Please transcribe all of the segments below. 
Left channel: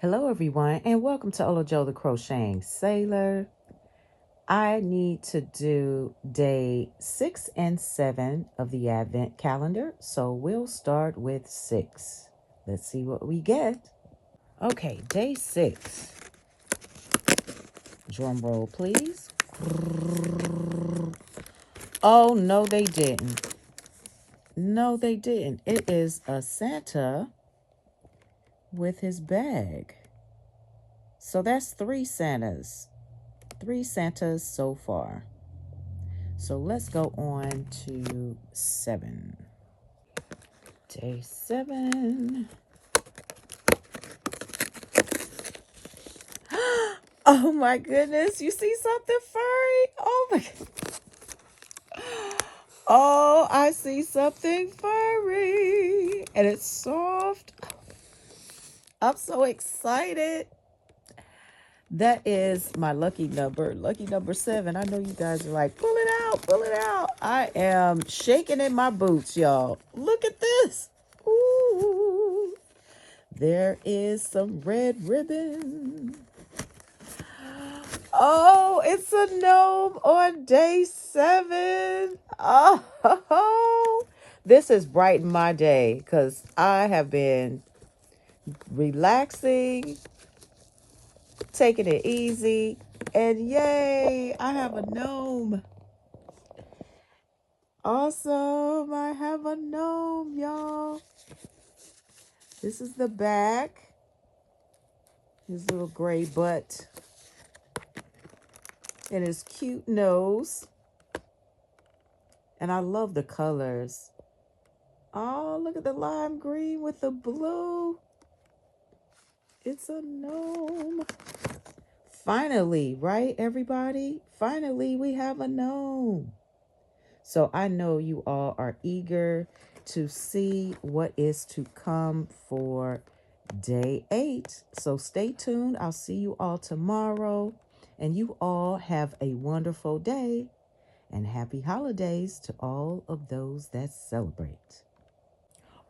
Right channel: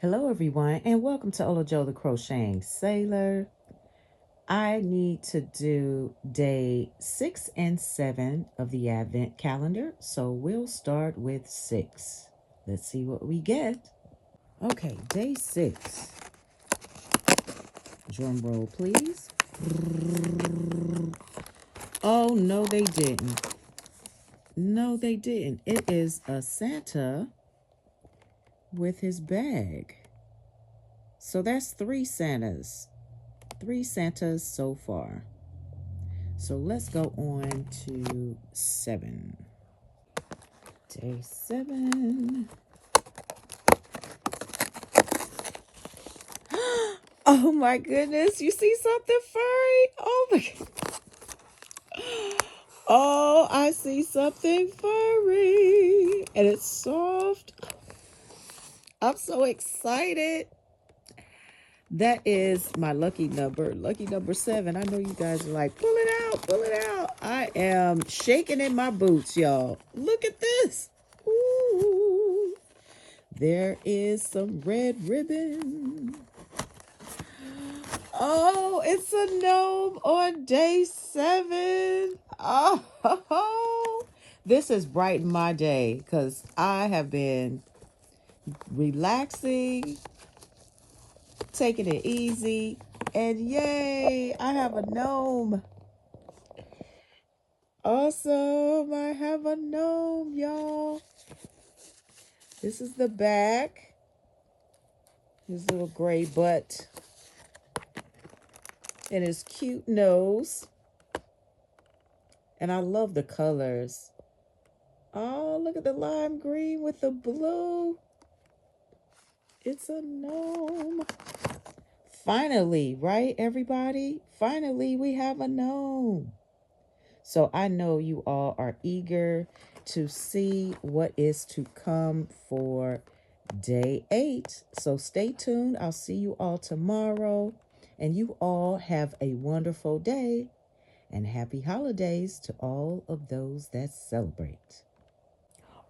Hello everyone, and welcome to Olojo the Crocheting Sailor. I need to do day 6 and 7 of the Advent calendar, so we'll start with 6. Let's see what we get. Okay, day 6. Drum roll, please. Oh, no, they didn't. No, they didn't. It is a Santa with his bag. So that's 3 Santas. 3 Santas so far. So let's go on to 7. Day 7. Oh my goodness, you see something furry? Oh my God. Oh, I see something furry. And it's soft. I'm so excited. That is my lucky number 7. I know you guys are like, pull it out, pull it out. I am shaking in my boots, y'all. Look at this. Ooh. There is some red ribbon. Oh, it's a gnome on day 7. Oh, this has brightened my day because I have been relaxing, taking it easy, and yay, I have a gnome. Awesome, I have a gnome, y'all. This is the back. His little gray butt. And his cute nose. And I love the colors. Oh, look at the lime green with the blue. It's a gnome. Finally, right, everybody? Finally, we have a gnome. So I know you all are eager to see what is to come for day 8. So stay tuned. I'll see you all tomorrow. And you all have a wonderful day. And happy holidays to all of those that celebrate.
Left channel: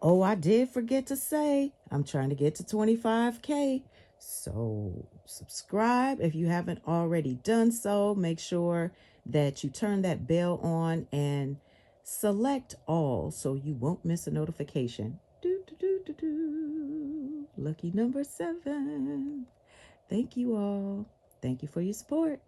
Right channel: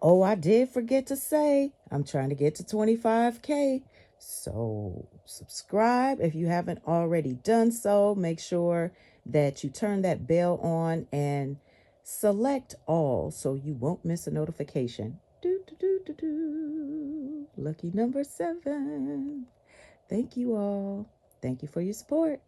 Oh, I did forget to say, I'm trying to get to 25K. So subscribe if you haven't already done so. Make sure that you turn that bell on and select all so you won't miss a notification. Lucky number 7. Thank you all. Thank you for your support.